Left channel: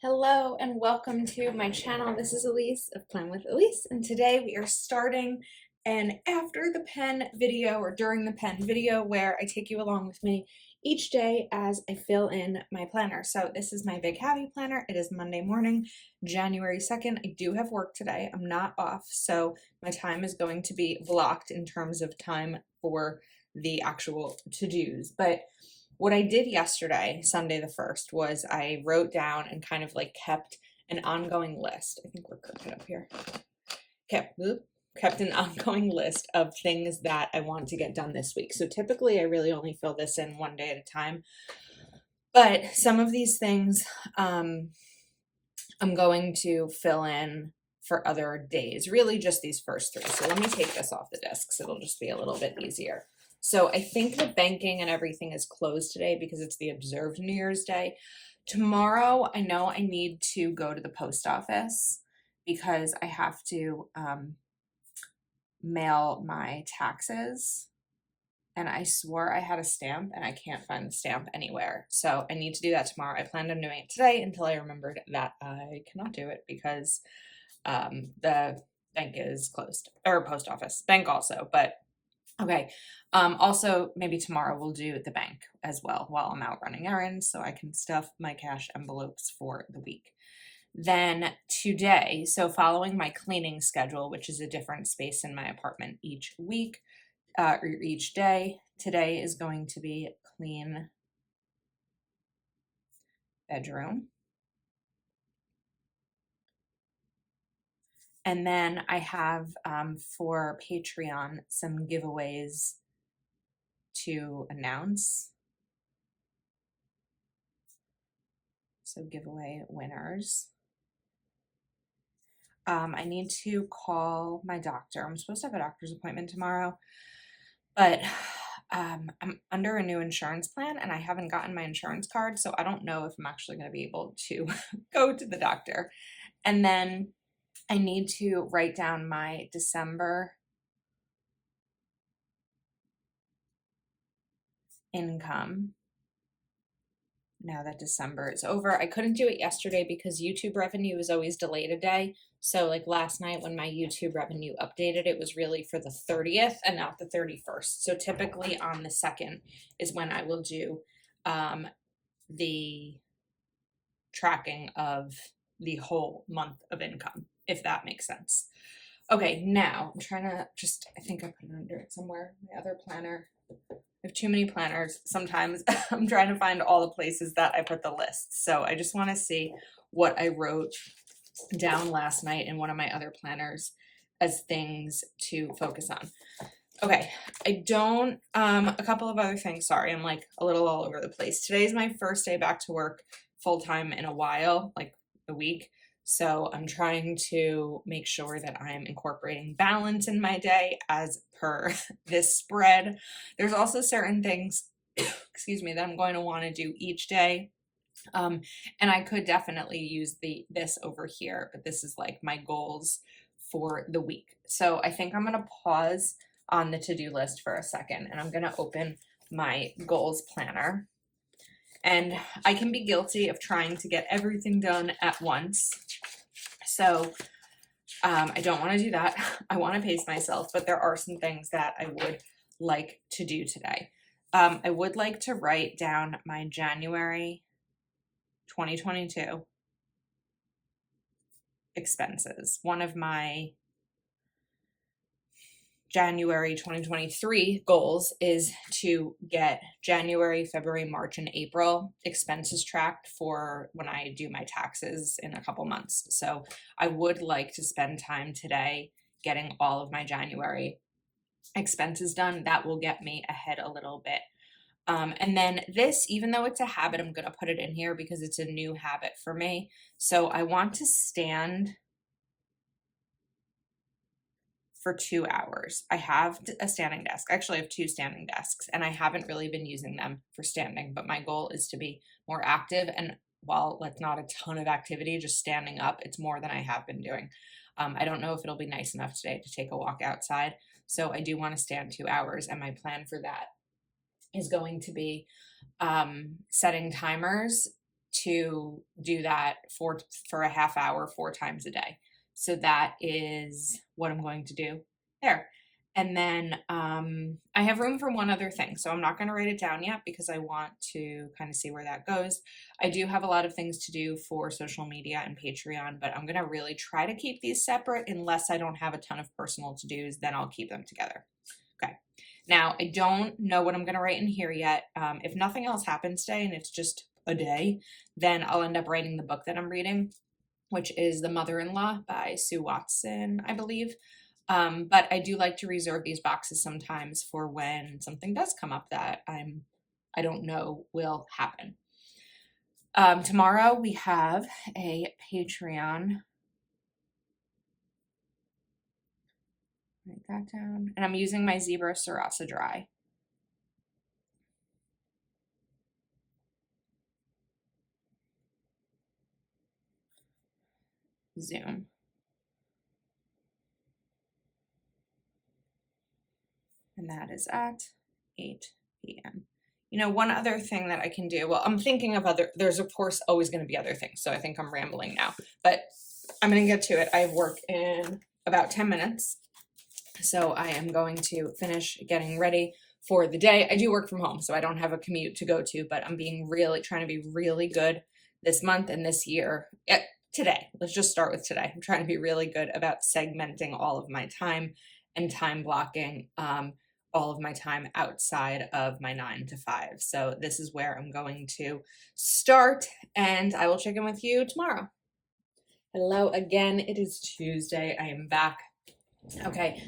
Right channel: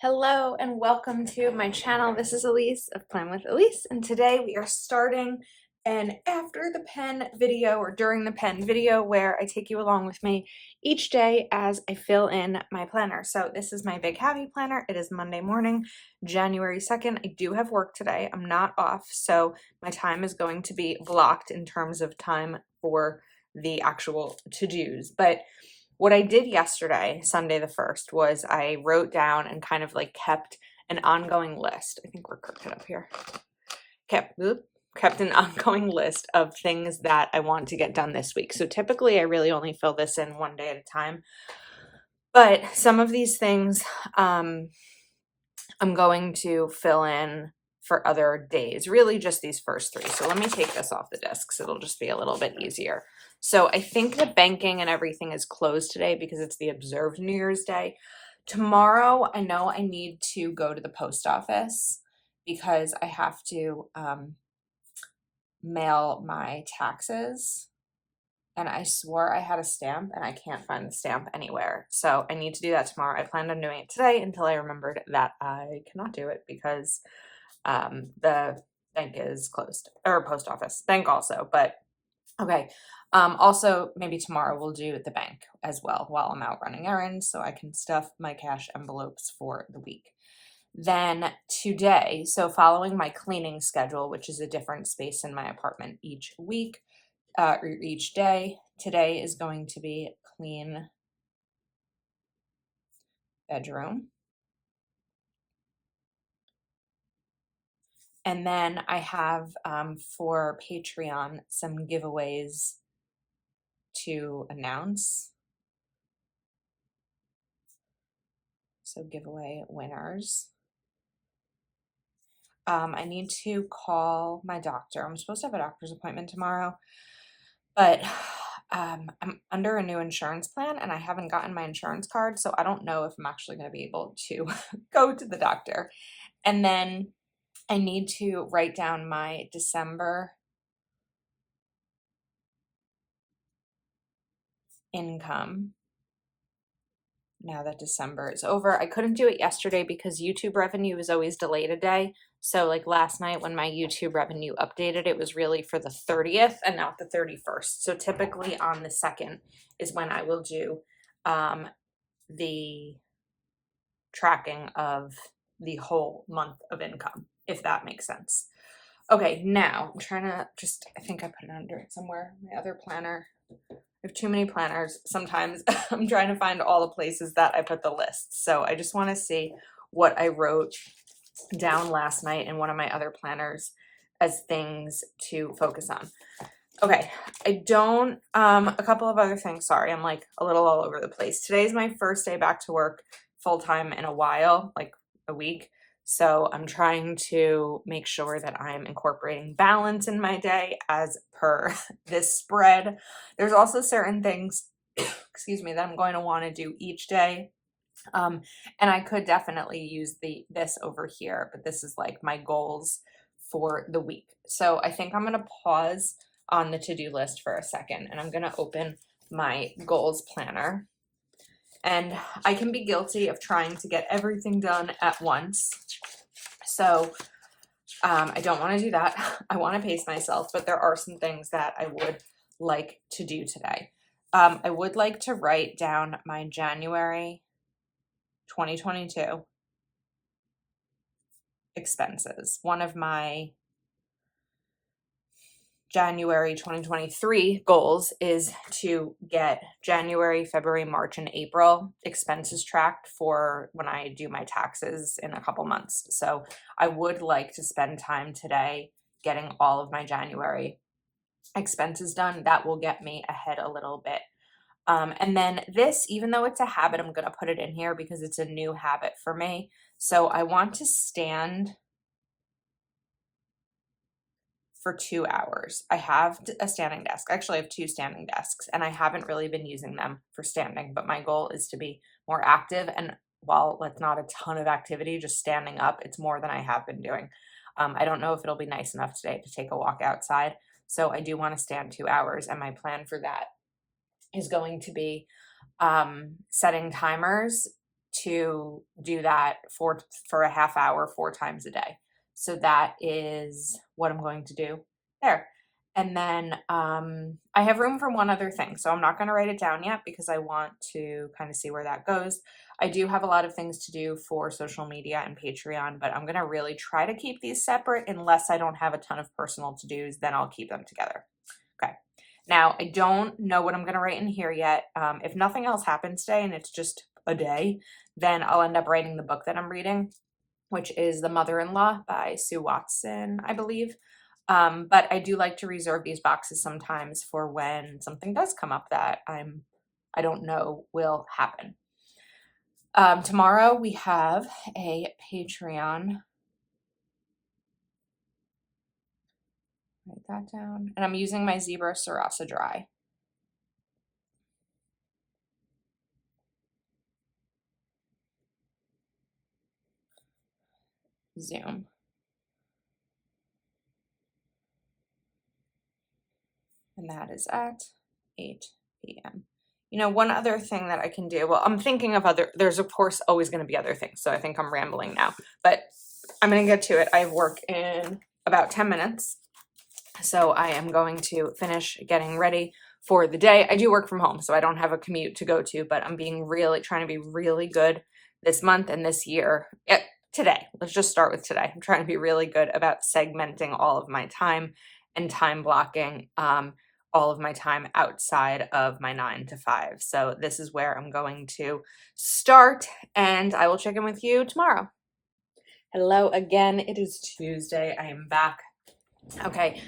Hello and welcome to my channel. This is Elise of Plan with Elise, and today we are starting an after the pen video or during the pen video where I take you along with me each day as I fill in my planner. So this is my Big Happy Planner. It is Monday morning, January 2nd. I do have work today. I'm not off, so my time is going to be blocked in terms of time for the actual to-dos. But what I did yesterday, Sunday the 1st, was I wrote down and kind of like kept an ongoing list. I think we're crooked up here. Kept an ongoing list of things that I want to get done this week. So typically I really only fill this in one day at a time. But some of these things I'm going to fill in for other days, really just these first three. So let me take this off the desk so it'll just be a little bit easier. So I think the banking and everything is closed today because it's the observed New Year's Day. Tomorrow, I know I need to go to the post office because I have to mail my taxes. And I swore I had a stamp and I can't find the stamp anywhere. So I need to do that tomorrow. I planned on doing it today until I remembered that I cannot do it because the bank is closed, or post office, bank also, but okay. Also, maybe tomorrow we'll do the bank as well while I'm out running errands so I can stuff my cash envelopes for the week. Then today, so following my cleaning schedule, which is a different space in my apartment each week, or each day, today is going to be clean bedroom. And then I have for Patreon some giveaways to announce. So giveaway winners. I need to call my doctor. I'm supposed to have a doctor's appointment tomorrow, but I'm under a new insurance plan and I haven't gotten my insurance card, so I don't know if I'm actually going to be able to go to the doctor. And then I need to write down my December income now that December is over. I couldn't do it yesterday because YouTube revenue is always delayed a day. So like last night when my YouTube revenue updated, it was really for the 30th and not the 31st. So typically on the 2nd is when I will do the tracking of the whole month of income, if that makes sense. Okay, now I'm trying to I think I put it under it somewhere, my other planner. I have too many planners. Sometimes I'm trying to find all the places that I put the list. So I just want to see what I wrote down last night in one of my other planners as things to focus on. Okay, I don't, a couple of other things. Sorry, I'm like a little all over the place. Today's my first day back to work full-time in a while, like a week. So I'm trying to make sure that I'm incorporating balance in my day as per this spread. There's also certain things, excuse me, that I'm going to want to do each day. And I could definitely use this over here, but this is like my goals for the week. So I think I'm going to pause on the to-do list for a second and I'm going to open my goals planner. And I can be guilty of trying to get everything done at once. So I don't want to do that. I want to pace myself, but there are some things that I would like to do today. I would like to write down my January 2022 expenses. One of my January 2023 goals is to get January, February, March, and April expenses tracked for when I do my taxes in a couple months. So I would like to spend time today getting all of my January expenses done. That will get me ahead a little bit. And then this, even though it's a habit, I'm going to put it in here because it's a new habit for me. So I want to stand for 2 hours. I have a standing desk. Actually, I have 2 standing desks and I haven't really been using them for standing, but my goal is to be more active. And while it's not a ton of activity, just standing up, it's more than I have been doing. I don't know if it'll be nice enough today to take a walk outside. So I do want to stand 2 hours. And my plan for that is going to be setting timers to do that for a half hour 4 times a day. So that is what I'm going to do there. And then I have room for one other thing. So I'm not going to write it down yet because I want to kind of see where that goes. I do have a lot of things to do for social media and Patreon, but I'm going to really try to keep these separate unless I don't have a ton of personal to-dos, then I'll keep them together. Okay. Now, I don't know what I'm going to write in here yet. If nothing else happens today and it's just a day, then I'll end up writing the book that I'm reading, which is The Mother-in-Law by Sue Watson, I believe. But I do like to reserve these boxes sometimes for when something does come up that I don't know will happen. Tomorrow we have a Patreon. Write that down. And I'm using my Zebra Sarasa Dry. Zoom. And that is at 8 p.m. You know, one other thing that I can do, well, I'm thinking of there's of course always going to be other things. So I think I'm rambling now, but I'm going to get to it. I have work in about 10 minutes. So I am going to finish getting ready for the day. I do work from home, so I don't have a commute to go to, but I'm trying to be really good this month and this year. Today, let's just start with today. I'm trying to be really good about segmenting all of my time and time blocking all of my time outside of my 9 to 5. So this is where I'm going to start, and I will check in with you tomorrow. Hello again. It is Tuesday. I am back. Okay,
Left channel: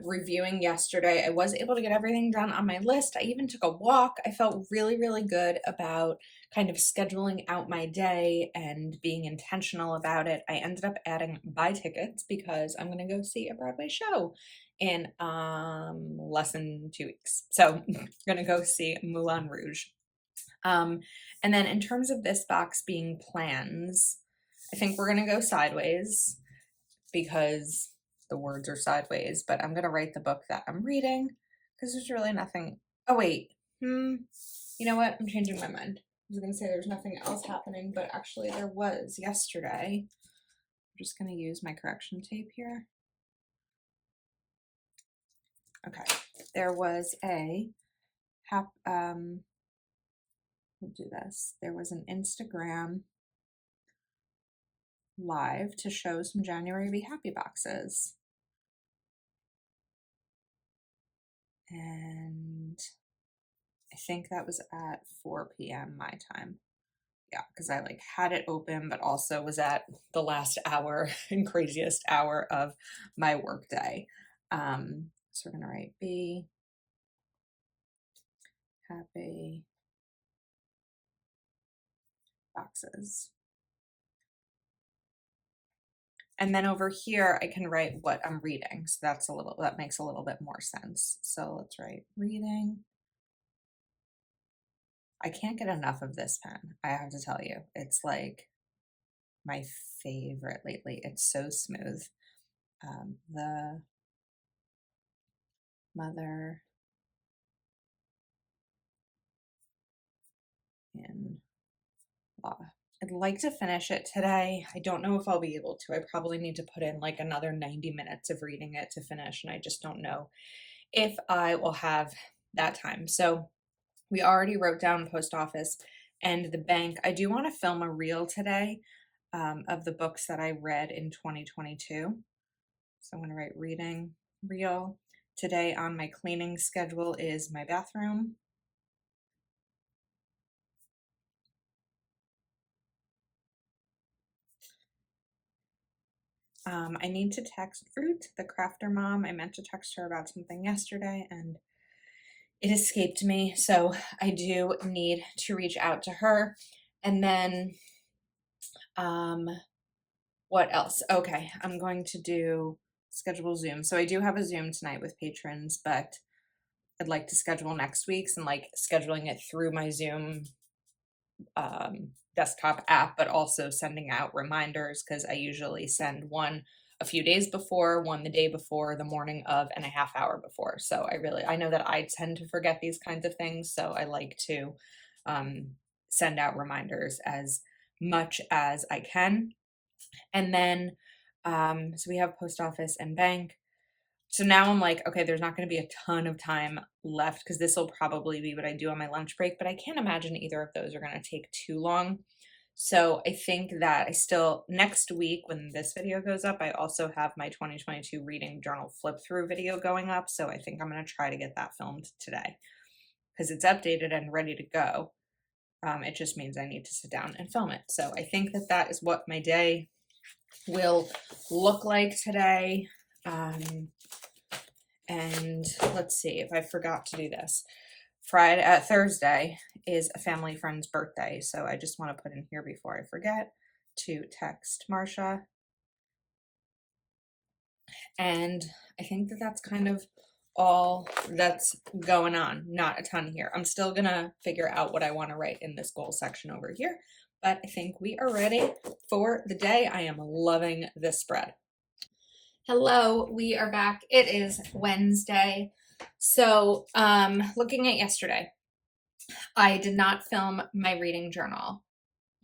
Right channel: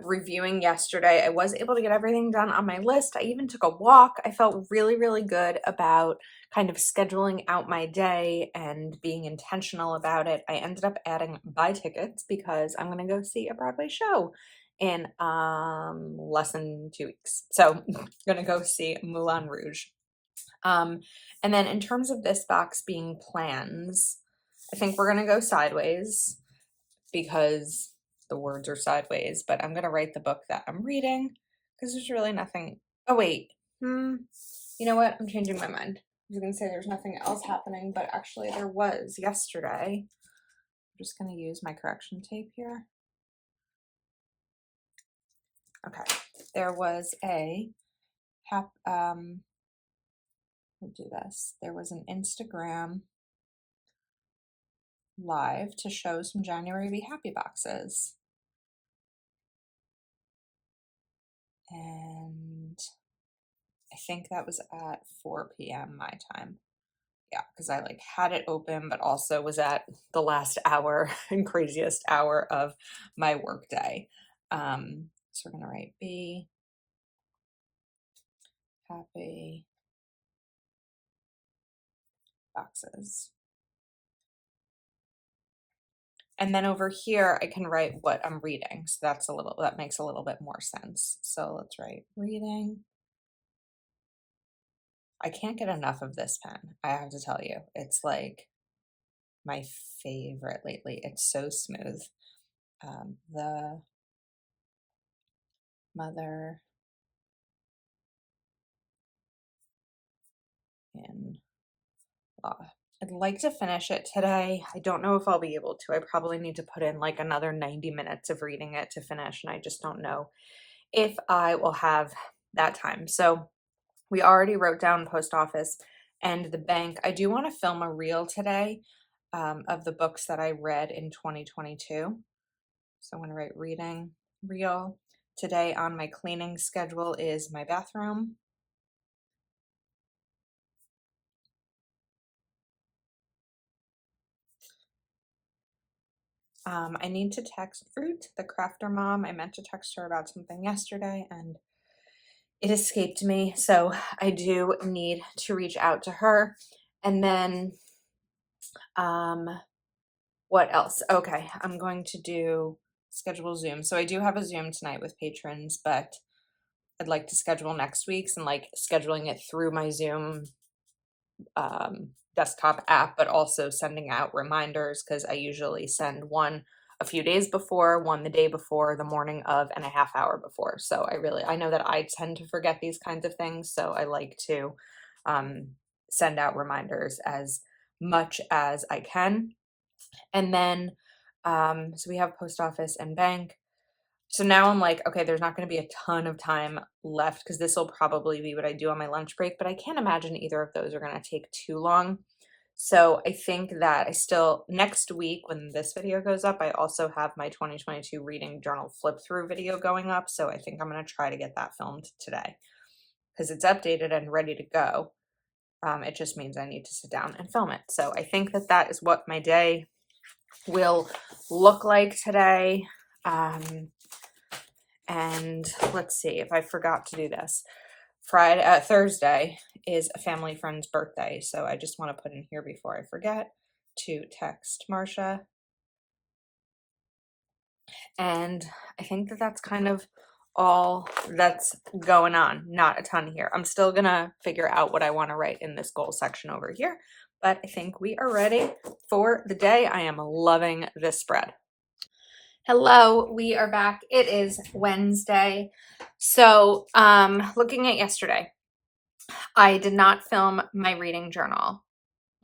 reviewing yesterday, I was able to get everything done on my list. I even took a walk. I felt really, really good about kind of scheduling out my day and being intentional about it. I ended up adding buy tickets because I'm going to go see a Broadway show in less than 2 weeks. So I'm going to go see Moulin Rouge. And then in terms of this box being plans, I think we're going to go sideways because the words are sideways, but I'm going to write the book that I'm reading because there's really nothing. Oh, wait. You know what? I'm changing my mind. I was going to say there's nothing else happening, but actually there was yesterday. I'm just going to use my correction tape here. Okay. There was we'll do this. There was an Instagram live to show some January Be Happy boxes. And I think that was at 4 p.m. my time. Yeah, because I like had it open, but also was at the last hour and craziest hour of my work day. So we're gonna write Be Happy boxes. And then over here, I can write what I'm reading. So that makes a little bit more sense. So let's write reading. I can't get enough of this pen. I have to tell you, it's like my favorite lately. It's so smooth. The Mother in Law. I'd like to finish it today. I don't know if I'll be able to. I probably need to put in like another 90 minutes of reading it to finish, and I just don't know if I will have that time. So we already wrote down post office and the bank. I do want to film a reel today of the books that I read in 2022. So I'm going to write reading reel. Today on my cleaning schedule is my bathroom. I need to text Fruit, the crafter mom. I meant to text her about something yesterday and it escaped me. So I do need to reach out to her. And then, what else? Okay, I'm going to schedule Zoom. So I do have a Zoom tonight with patrons, but I'd like to schedule next week's and like scheduling it through my Zoom desktop app, but also sending out reminders because I usually send one a few days before, one the day before, the morning of, and a half hour before. So I know that I tend to forget these kinds of things. So I like to send out reminders as much as I can. And then, so we have post office and bank. So now I'm like, okay, there's not going to be a ton of time left because this will probably be what I do on my lunch break, but I can't imagine either of those are going to take too long. So I think that I still, next week when this video goes up, I also have my 2022 reading journal flip through video going up. So I think I'm going to try to get that filmed today because it's updated and ready to go. It just means I need to sit down and film it. So I think that that is what my day will look like today. And let's see if I forgot to do this. Thursday is a family friend's birthday. So I just want to put in here before I forget to text Marsha. And I think that that's kind of all that's going on. Not a ton here. I'm still gonna figure out what I want to write in this goal section over here, but I think we are ready for the day. I am loving this spread. Hello, we are back. It is Wednesday. So, looking at yesterday, I did not film my reading journal,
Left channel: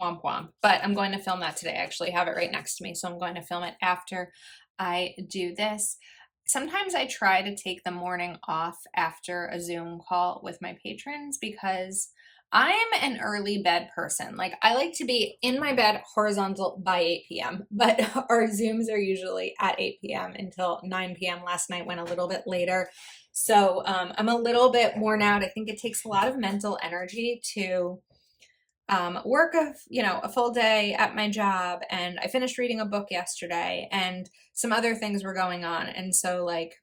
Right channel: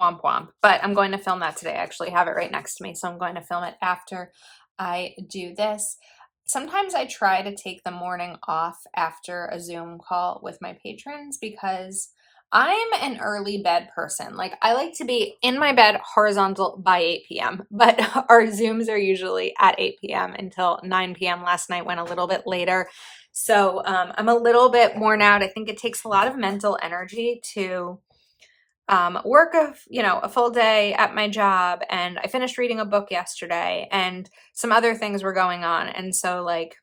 womp womp, but I'm going to film that today. I actually have it right next to me, so I'm going to film it after I do this. Sometimes I try to take the morning off after a Zoom call with my patrons because I'm an early bed person. Like, I like to be in my bed horizontal by 8 p.m., but our Zooms are usually at 8 p.m. until 9 p.m. Last night went a little bit later. So I'm a little bit worn out. I think it takes a lot of mental energy to work a full day at my job, and I finished reading a book yesterday and some other things were going on. And so like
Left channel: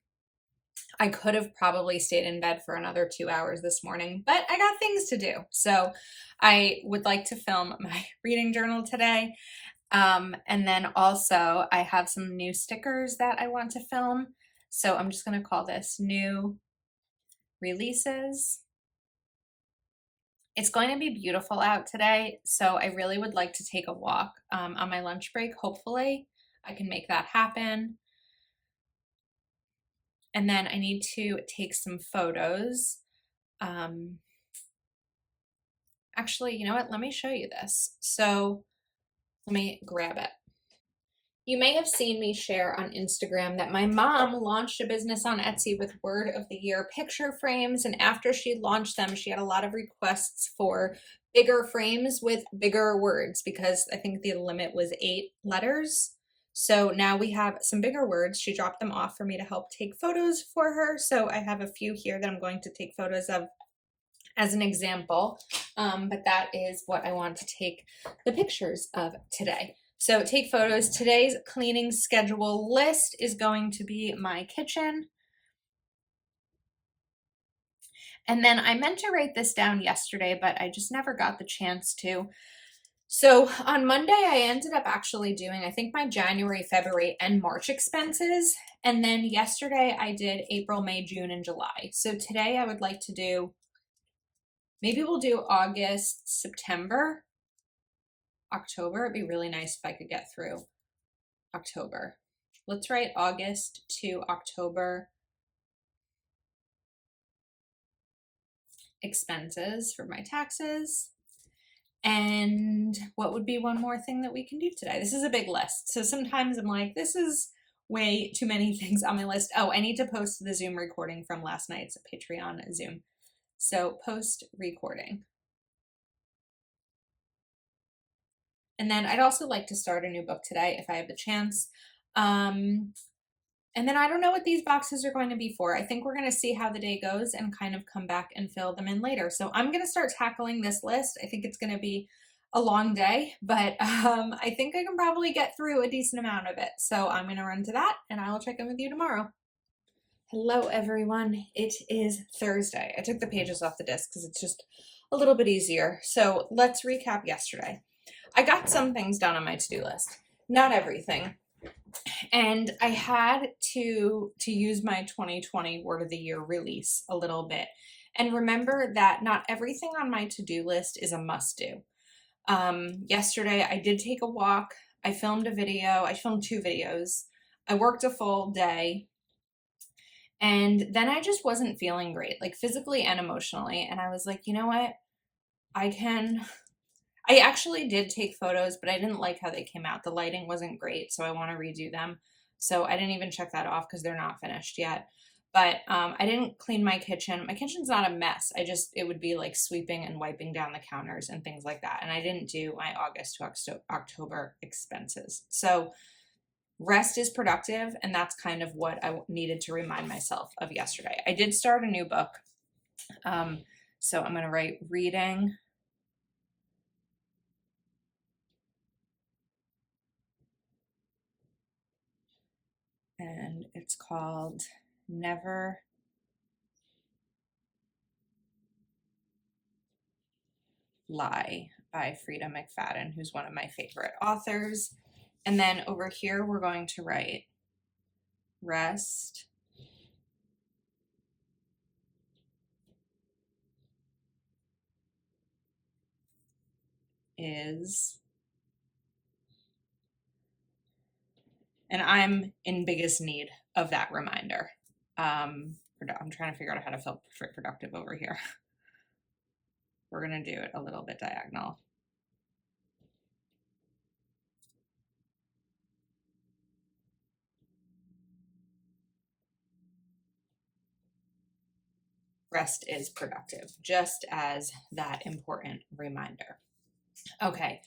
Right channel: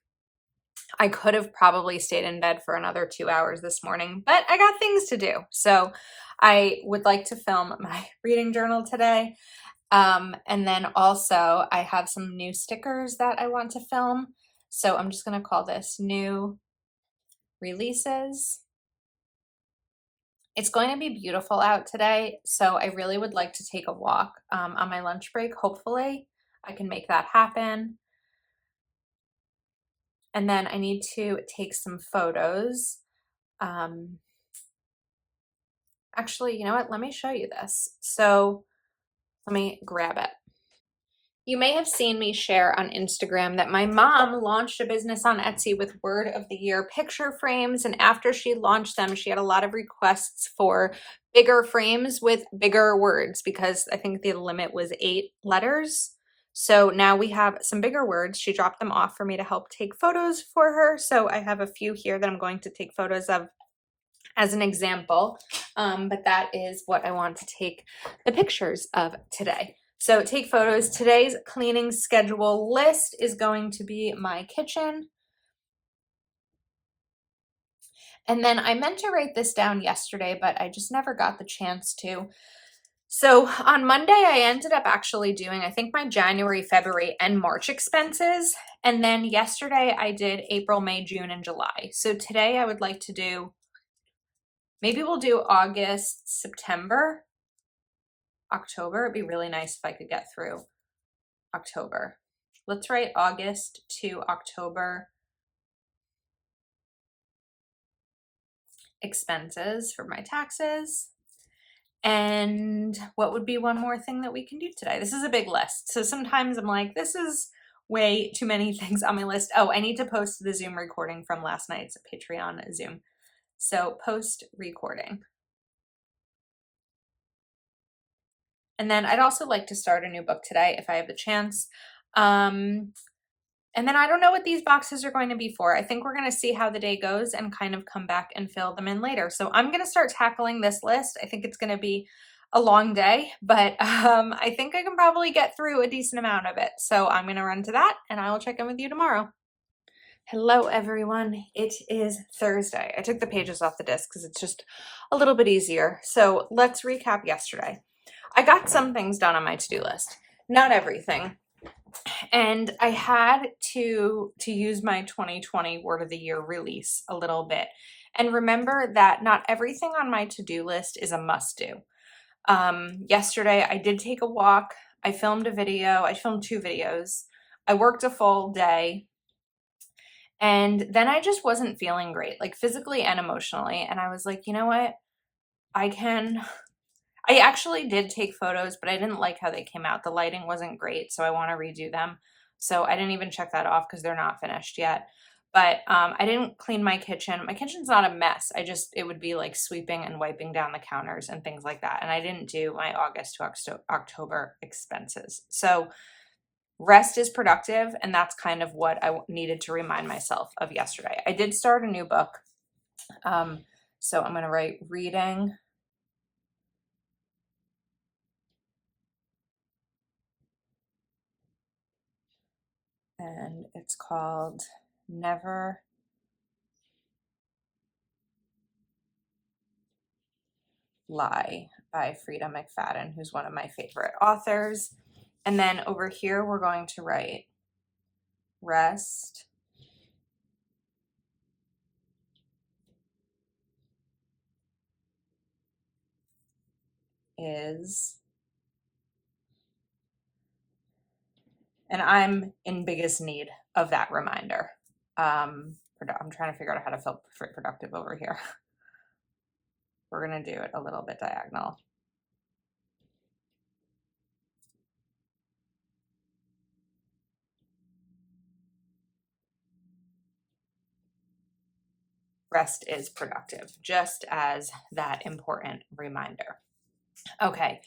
I could have probably stayed in bed for another 2 hours this morning, but I got things to do. So I would like to film my reading journal today. And then also I have some new stickers that I want to film. So I'm just going to call this new releases. It's going to be beautiful out today, so I really would like to take a walk on my lunch break. Hopefully I can make that happen. And then I need to take some photos. Actually, you know what? Let me show you this. So let me grab it. You may have seen me share on Instagram that my mom launched a business on Etsy with Word of the Year picture frames. And after she launched them, she had a lot of requests for bigger frames with bigger words because I think the limit was 8 letters. So now we have some bigger words. She dropped them off for me to help take photos for her. So I have a few here that I'm going to take photos of as an example. But that is what I want to take the pictures of today. So take photos. Today's cleaning schedule list is going to be my kitchen. And then I meant to write this down yesterday, but I just never got the chance to. So on Monday, I ended up actually doing, I think, my January, February, and March expenses. And then yesterday I did April, May, June, and July. So today I would like to do, maybe we'll do August, September, October. It'd be really nice if I could get through October. Let's write August to October expenses for my taxes. And what would be one more thing that we can do today? This is a big list. So sometimes I'm like, this is way too many things on my list. Oh, I need to post the Zoom recording from last night's Patreon Zoom. So post recording. And then I'd also like to start a new book today if I have the chance. And then I don't know what these boxes are going to be for. I think we're going to see how the day goes and kind of come back and fill them in later. So I'm going to start tackling this list. I think it's going to be a long day, but I think I can probably get through a decent amount of it. So I'm going to run to that and I will check in with you tomorrow. Hello, everyone. It is Thursday. I took the pages off the disc because it's just a little bit easier. So let's recap yesterday. I got some things done on my to-do list, not everything. And I had to use my 2020 Word of the Year release a little bit. And remember that not everything on my to-do list is a must-do. Yesterday, I did take a walk. I filmed a video. I filmed 2 videos. I worked a full day. And then I just wasn't feeling great, like physically and emotionally. And I was like, you know what? I can I actually did take photos, but I didn't like how they came out. The lighting wasn't great, so I want to redo them. So I didn't even check that off because they're not finished yet. But I didn't clean my kitchen. My kitchen's not a mess. It would be like sweeping and wiping down the counters and things like that. And I didn't do my August to October expenses. So rest is productive, and that's kind of what I needed to remind myself of yesterday. I did start a new book. So I'm going to write reading. And it's called Never Lie by Frida McFadden, who's one of my favorite authors. And then over here, we're going to write rest is, and I'm in biggest need of that reminder. I'm trying to figure out how to feel productive over here. We're going to do it a little bit diagonal. Rest is productive, just as that important reminder. Okay.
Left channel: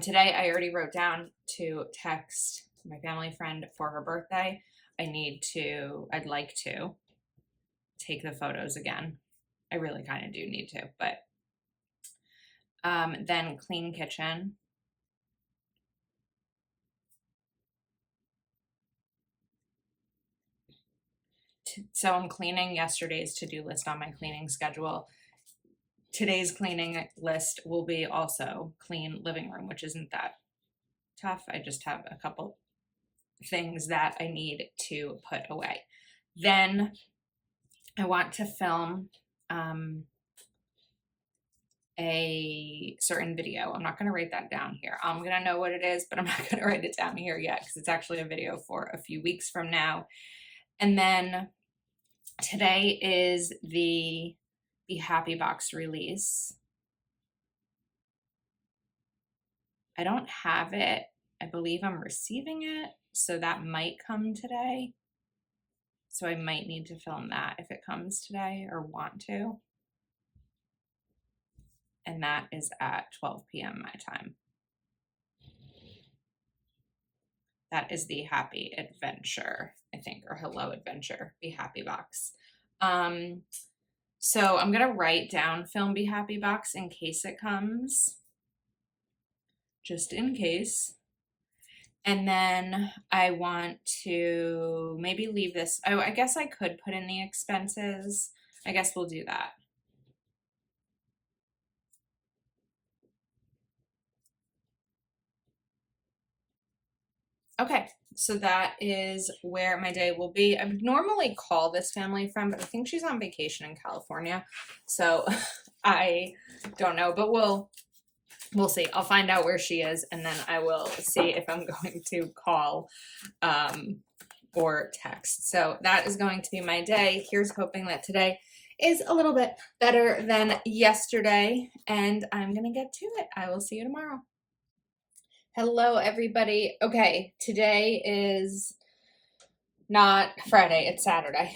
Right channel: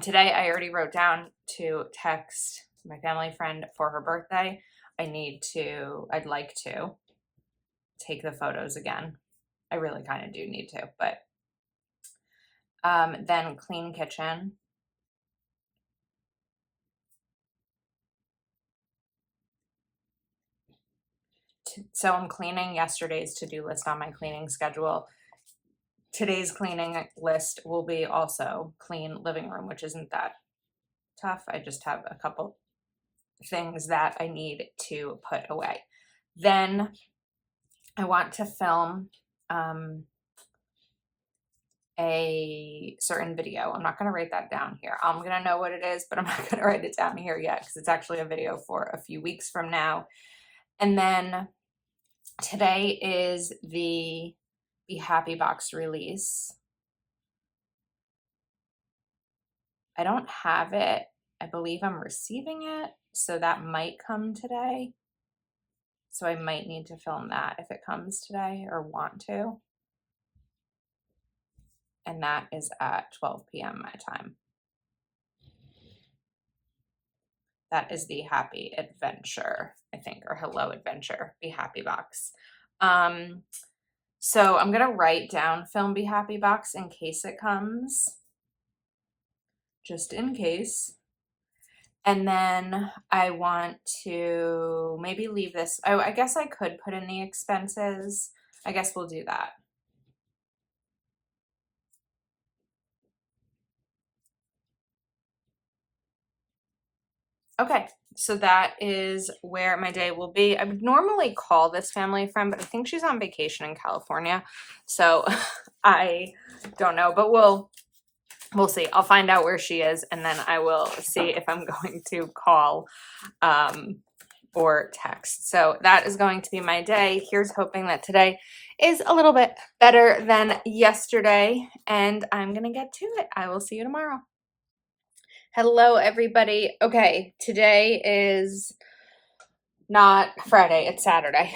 Today I already wrote down to text my family friend for her birthday. I'd like to take the photos again. I really kind of do need to, but then clean kitchen. So I'm cleaning yesterday's to-do list on my cleaning schedule. Today's cleaning list will be also clean living room, which isn't that tough. I just have a couple things that I need to put away. Then I want to film a certain video. I'm not going to write that down here. I'm going to know what it is, but I'm not going to write it down here yet because it's actually a video for a few weeks from now. And then today is the Be Happy Box release. I don't have it. I believe I'm receiving it, so that might come today. So I might need to film that if it comes today or want to. And that is at 12 p.m. my time. That is the Happy Adventure, I think, or Hello Adventure, Be Happy Box. So I'm going to write down film Be Happy Box in case it comes, just in case. And then I want to maybe leave this. Oh, I guess I could put in the expenses. I guess we'll do that. Okay, so that is where my day will be. I would normally call this family friend, but I think she's on vacation in California. So I don't know, but we'll see. I'll find out where she is, and then I will see if I'm going to call or text. So that is going to be my day. Here's hoping that today is a little bit better than yesterday, and I'm going to get to it. I will see you tomorrow. Hello, everybody. Okay, today is not Friday, it's Saturday.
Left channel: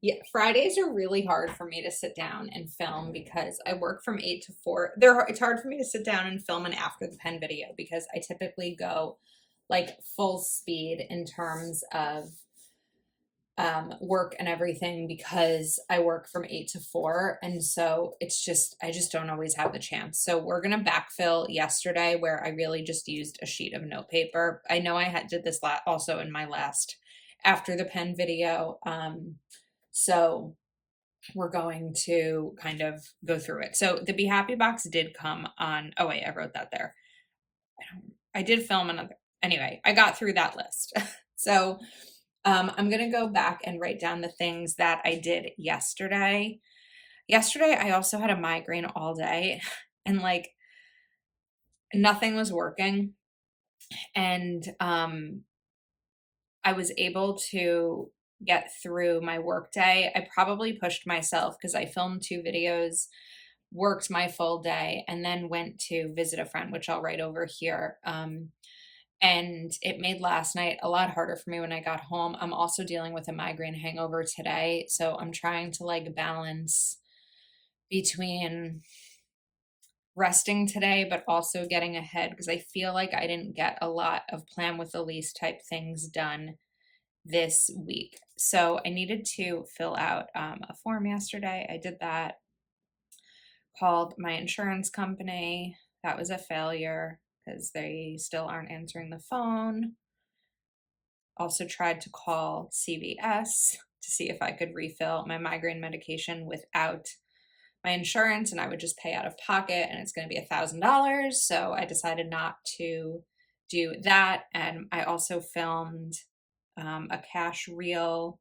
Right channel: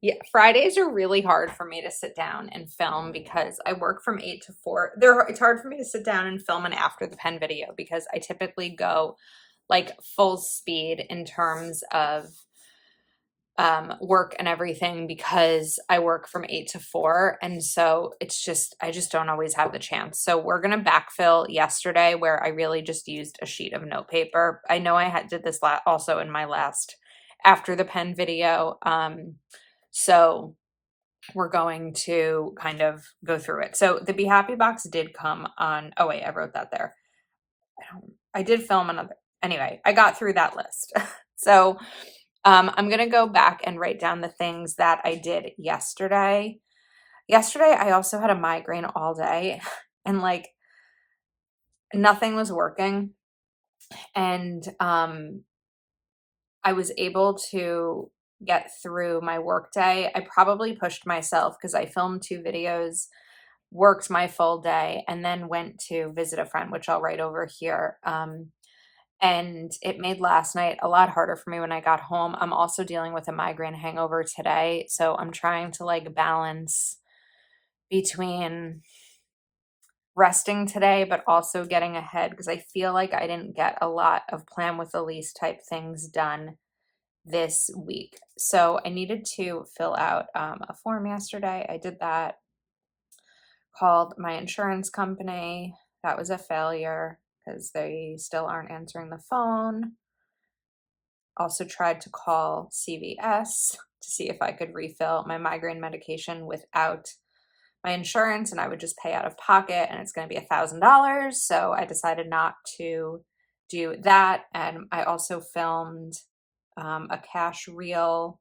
Yeah, Fridays are really hard for me to sit down and film because I work from 8 to 4. It's hard for me to sit down and film an after the pen video because I typically go like full speed in terms of work and everything because I work from 8 to 4. And so I just don't always have the chance. So we're going to backfill yesterday where I really just used a sheet of note paper. I know I did this also in my last after the pen video. So we're going to kind of go through it. So the Be Happy Box did come on. Oh wait, I wrote that there. I did film another. Anyway, I got through that list. So I'm going to go back and write down the things that I did yesterday. Yesterday, I also had a migraine all day and like nothing was working. And I was able to get through my workday. I probably pushed myself because I filmed 2 videos worked my full day, and then went to visit a friend, which I'll write over here. And it made last night a lot harder for me when I got home. I'm also dealing with a migraine hangover today, so I'm trying to like balance between resting today, but also getting ahead because I feel like I didn't get a lot of plan with Elise type things done this week. So I needed to fill out a form yesterday. I did that, called my insurance company. That was a failure because they still aren't answering the phone. Also tried to call CVS to see if I could refill my migraine medication without my insurance, and I would just pay out of pocket, and it's going to be $1,000. So I decided not to do that. And I also filmed a cash reel,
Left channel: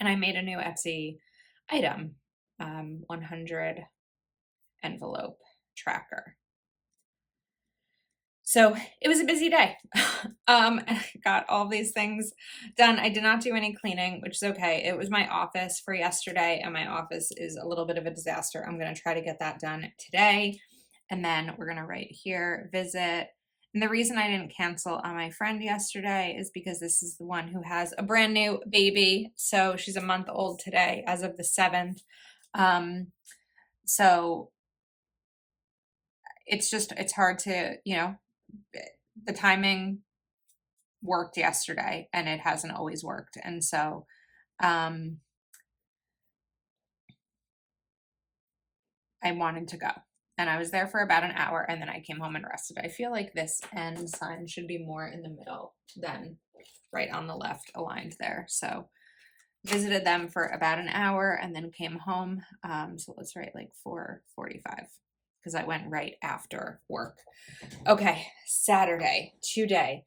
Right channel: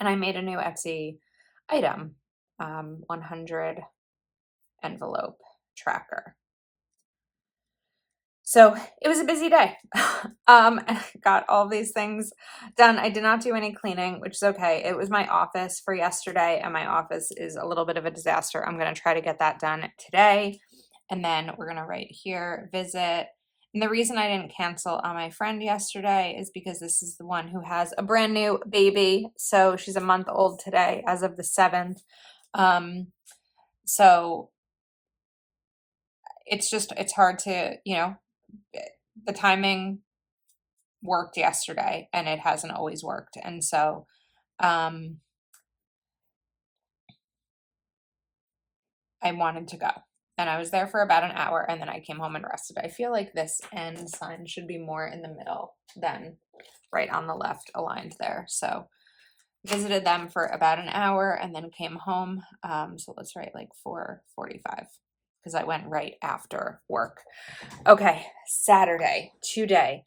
and I made a new Etsy item, 100 envelope tracker. So it was a busy day. Got all these things done. I did not do any cleaning, which is okay. It was my office for yesterday, and my office is a little bit of a disaster. I'm going to try to get that done today. And then we're going to write here, visit. And the reason I didn't cancel on my friend yesterday is because this is the one who has a brand new baby. So she's a month old today as of the 7th. So it's hard to, the timing worked yesterday and it hasn't always worked. And so, I wanted to go, and I was there for about an hour, and then I came home and rested. I feel like this end sign should be more in the middle than right on the left aligned there. So visited them for about an hour and then came home. So let's write like 4:45 because I went right after work. Okay, Saturday, today.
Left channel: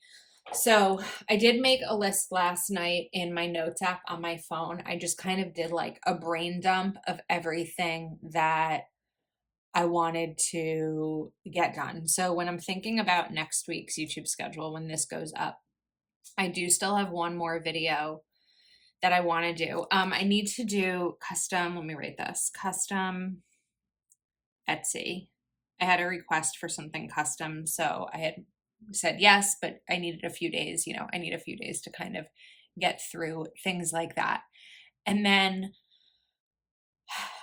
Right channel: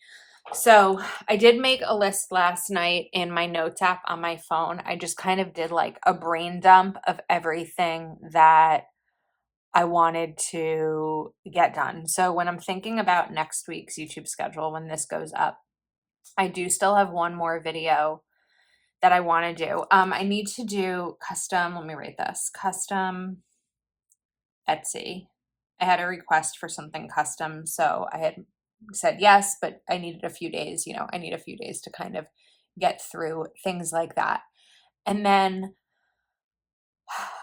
So I did make a list last night in my notes app on my phone. I just kind of did like a brain dump of everything that I wanted to get done. So when I'm thinking about next week's YouTube schedule, when this goes up, I do still have one more video that I want to do. I need to do custom, let me write this, custom Etsy. I had a request for something custom, so I had said yes, but I needed a few days, I need a few days to kind of get through things like that. And then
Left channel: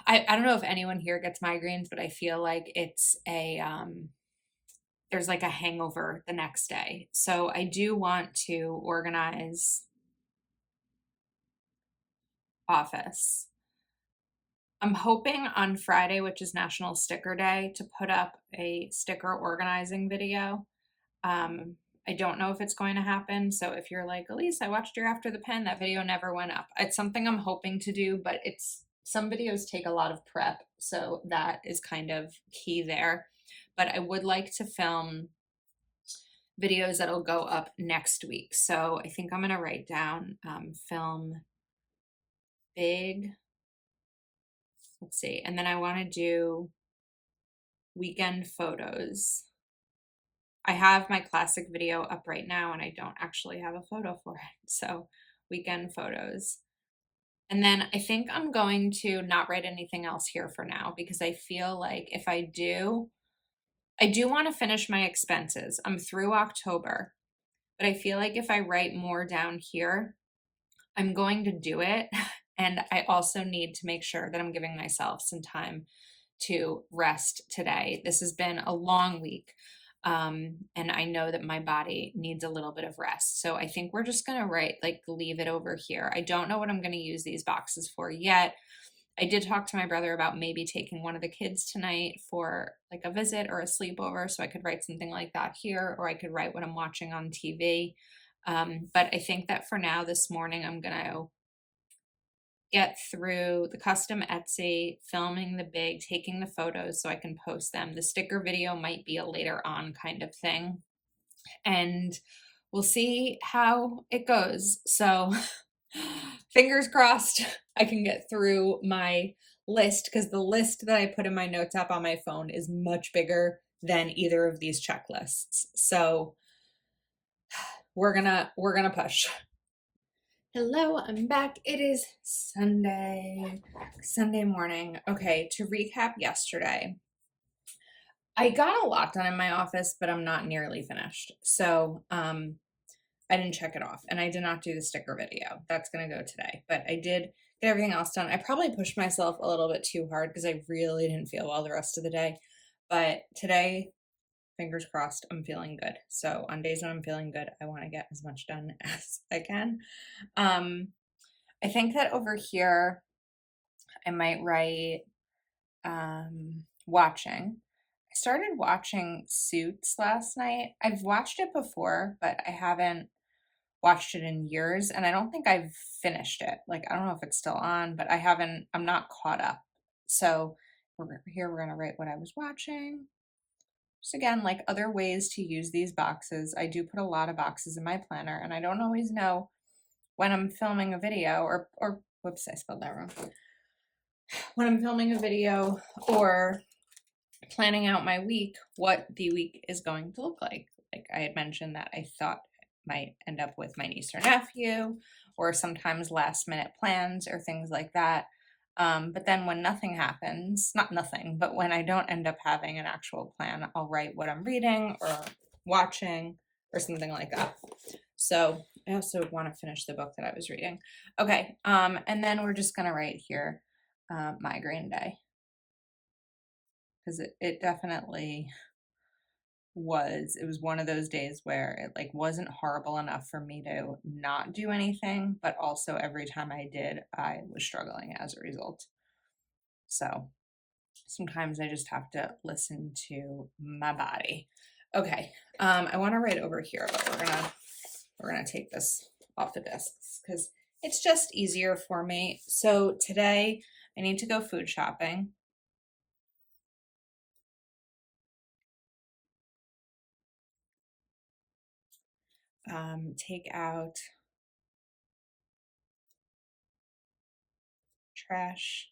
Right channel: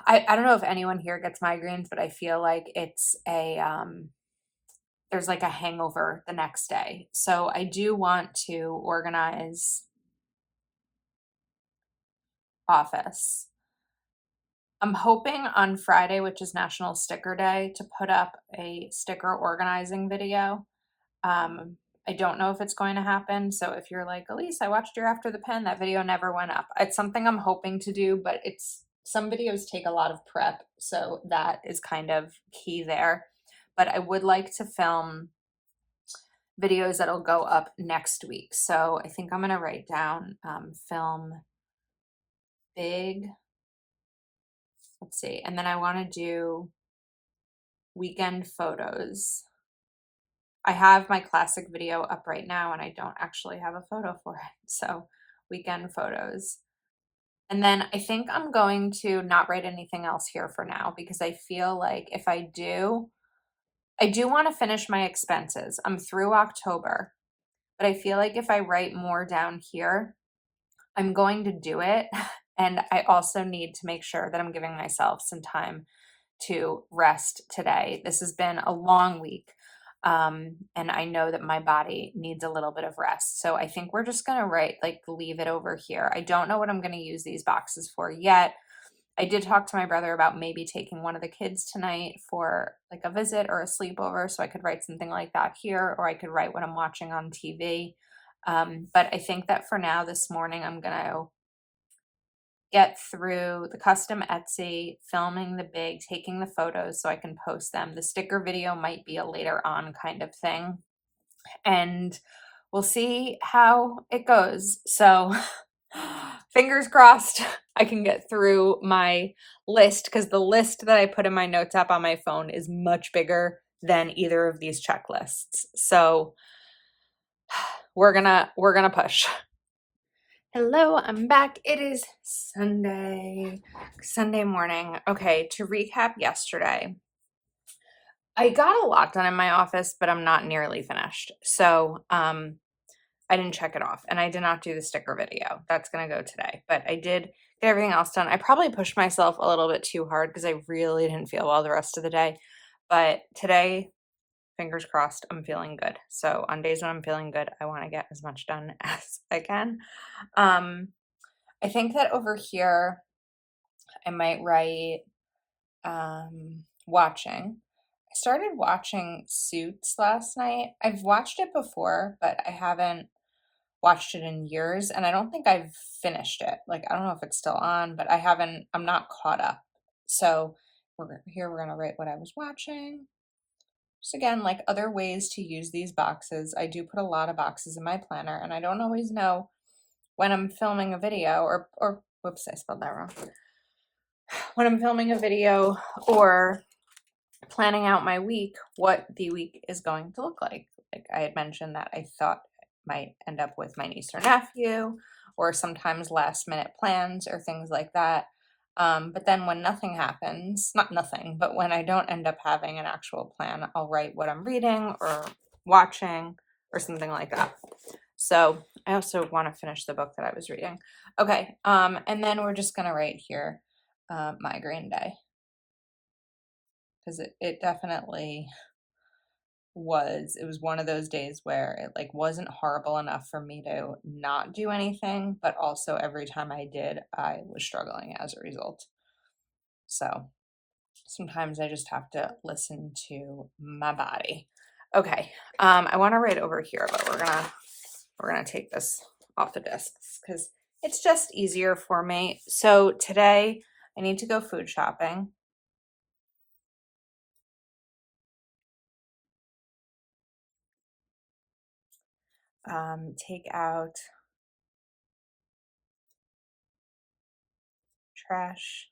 I don't know if anyone here gets migraines, but I feel like it's there's like a hangover the next day. So I do want to organize office. I'm hoping on Friday, which is National Sticker Day, to put up a sticker organizing video. I don't know if it's going to happen. So if you're like, Elise, I watched your After the Pen, that video never went up. It's something I'm hoping to do, but some videos take a lot of prep. So that is kind of key there. But I would like to film videos that'll go up next week. So I think I'm going to write down, film big, let's see. And then I want to do weekend photos. I have my classic video up right now and I don't actually have a photo for it. So weekend photos. And then I think I'm going to not write anything else here for now because I feel like if I do want to finish my expenses. I'm through October, but I feel like if I write more down here, I'm going to do it. And I also need to make sure that I'm giving myself some time to rest today. This has been a long week. And I know that my body needs a little bit of rest. So I think we're just going to leave it over here. I don't know what I'm going to use these boxes for yet. I did talk to my brother about maybe taking one of the kids tonight for like a visit or a sleepover. So I could write something like that here, or I could write what I'm watching on TV. But I think that for now, this morning, I'm going to get through the custom Etsy, filming the big, taking the photos so I can post them. The sticker video might be a later on kind of thing. And we'll see how it goes. So fingers crossed I can get through my list because the list that I put in my notes app on my phone is much bigger than either of these checklists. So we're gonna push. Hello, I'm back. It is Sunday morning. Okay, to recap yesterday, I got a lot done in my office, but I'm not nearly finished. So, I didn't check it off and I did not do the sticker video. That's going to go today, but I did get everything else done. I probably pushed myself a little bit too hard because I really didn't feel well the rest of the day. But today, fingers crossed, I'm feeling good. So on days when I'm feeling good, I want to get as much done as I can. I think that over here, I might write watching. I started watching Suits last night. I've watched it before, but I haven't watched it in years, and I don't think I've finished it. Like, I don't know if it's still on, but I'm not caught up. So we're gonna write what I was watching. Just again, like other ways to use these boxes. I do put a lot of boxes in my planner, and I don't always know when I'm filming a video or whoops, I spelled that wrong. When I'm filming a video or planning out my week, what the week is going to look like. Like I had mentioned that I thought might end up with my niece or nephew, or sometimes last minute plans or things like that. But then when nothing happens, not nothing, but when I don't end up having an actual plan, I'll write what I'm reading or watching or something like that. So I also want to finish the book that I was reading. Okay. And then we're just going to write here, migraine day. Because it definitely it was one of those days where it like wasn't horrible enough for me to not do anything, but also every time I did, I was struggling as a result. So sometimes I just have to listen to my body. Okay. I want to write over here, but we're gonna take this off the discs because it's just easier for me. So today I need to go food shopping. Take out trash.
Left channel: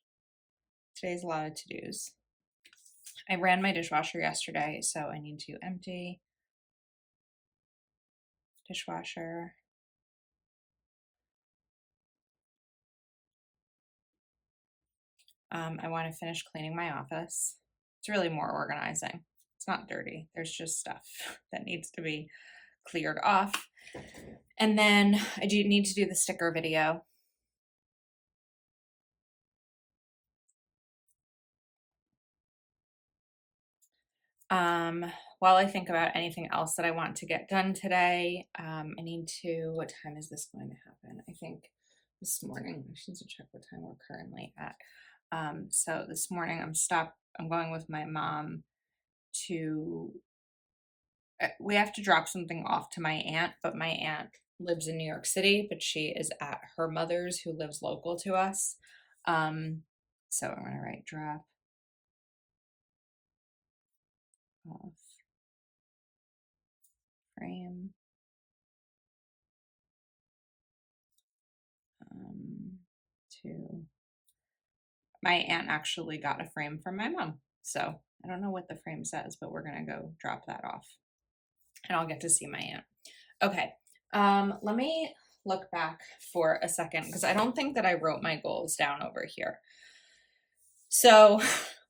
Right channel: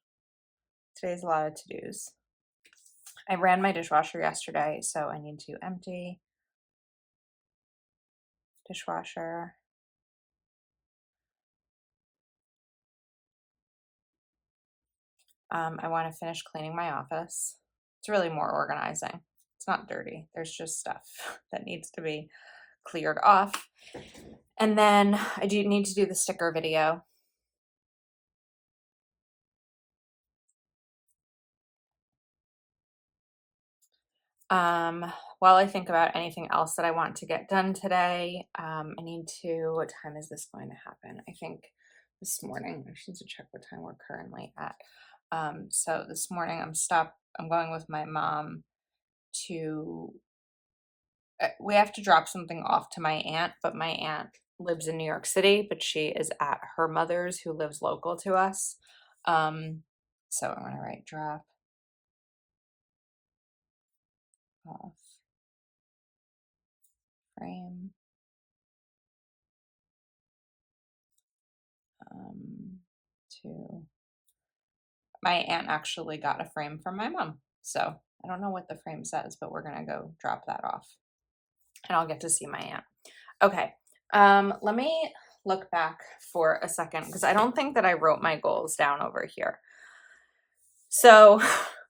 Today's a lot of to-dos. I ran my dishwasher yesterday, so I need to empty dishwasher. I want to finish cleaning my office. It's really more organizing. It's not dirty. There's just stuff that needs to be cleared off. And then I do need to do the sticker video. While I think about anything else that I want to get done today, I need to, what time is this going to happen? I think this morning. I should check what time we're currently at. So this morning I'm going with my mom to, we have to drop something off to my aunt, but my aunt lives in New York City, but she is at her mother's who lives local to us. So I'm going to write drop off frame. To my aunt actually got a frame from my mom. So I don't know what the frame says, but we're going to go drop that off and I'll get to see my aunt. Okay. Let me look back for a second because I don't think that I wrote my goals down over here. So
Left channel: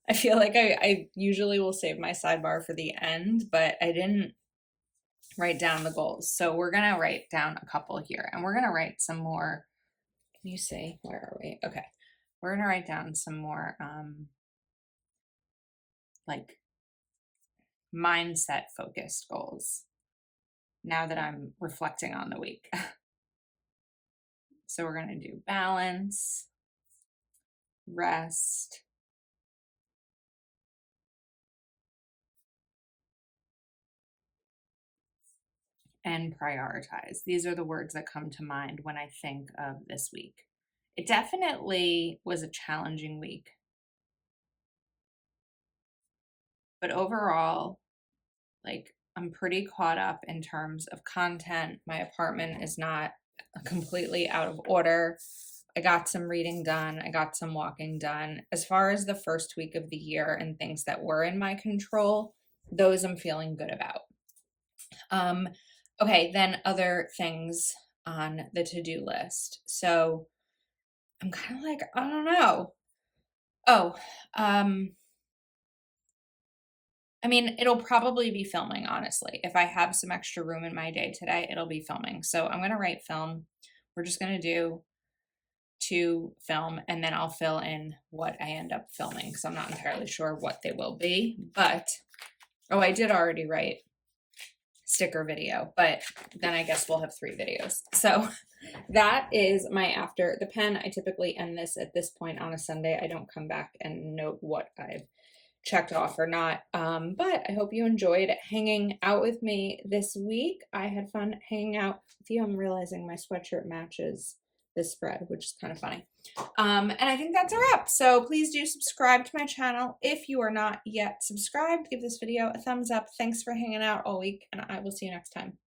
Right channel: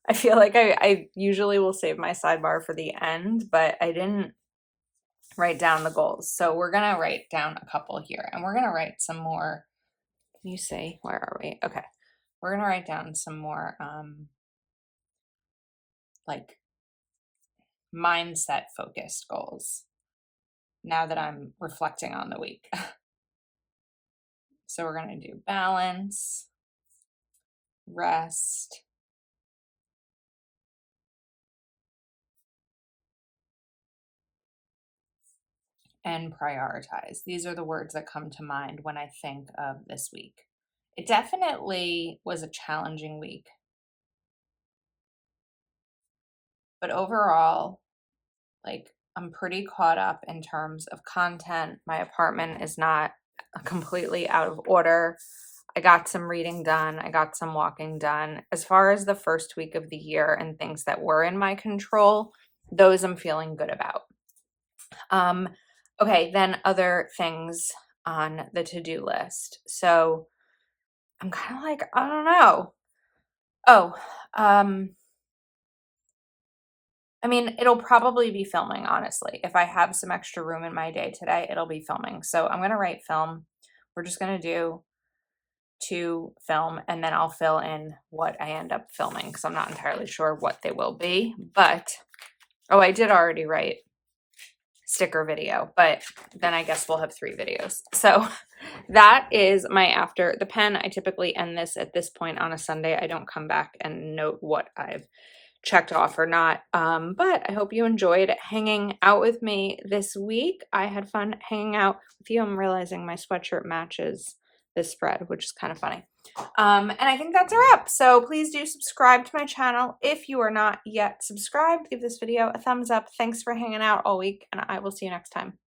I feel like I usually will save my sidebar for the end, but I didn't write down the goals. So we're going to write down a couple here and we're going to write some more. Can you see? Where are we? Okay. We're going to write down some more like mindset focused goals now that I'm reflecting on the week. So we're going to do balance, rest, and prioritize. These are the words that come to mind when I think of this week. It definitely was a challenging week. But overall, like I'm pretty caught up in terms of content. My apartment is not completely out of order. I got some reading done. I got some walking done. As far as the first week of the year and things that were in my control, those I'm feeling good about. Okay, then other things. on the to-do list. So I'm kind of like, I don't know. Oh, I mean, it'll probably be filming, honestly. If I have some extra room in my day today, it'll be filming. So I'm going to write film. We're just going to do 2 film, and then I'll fill in what I end up filming because I'm not entirely sure what they will be. But, oh, I did already write sticker video, but then I guess we'll have 3 videos. So that is my after the pen. I typically end this at this point on a Sunday. I don't come back and note what I've checked off or not. But I hope you enjoyed hanging out with me this week. I had fun hanging out with you. I'm realizing my sweatshirt matches this spread, which is kind of funny. And I think that's a wrap. So please do subscribe to my channel. If you are not yet subscribed, give this video a thumbs up. Thanks for hanging out all week, and I will see you next time.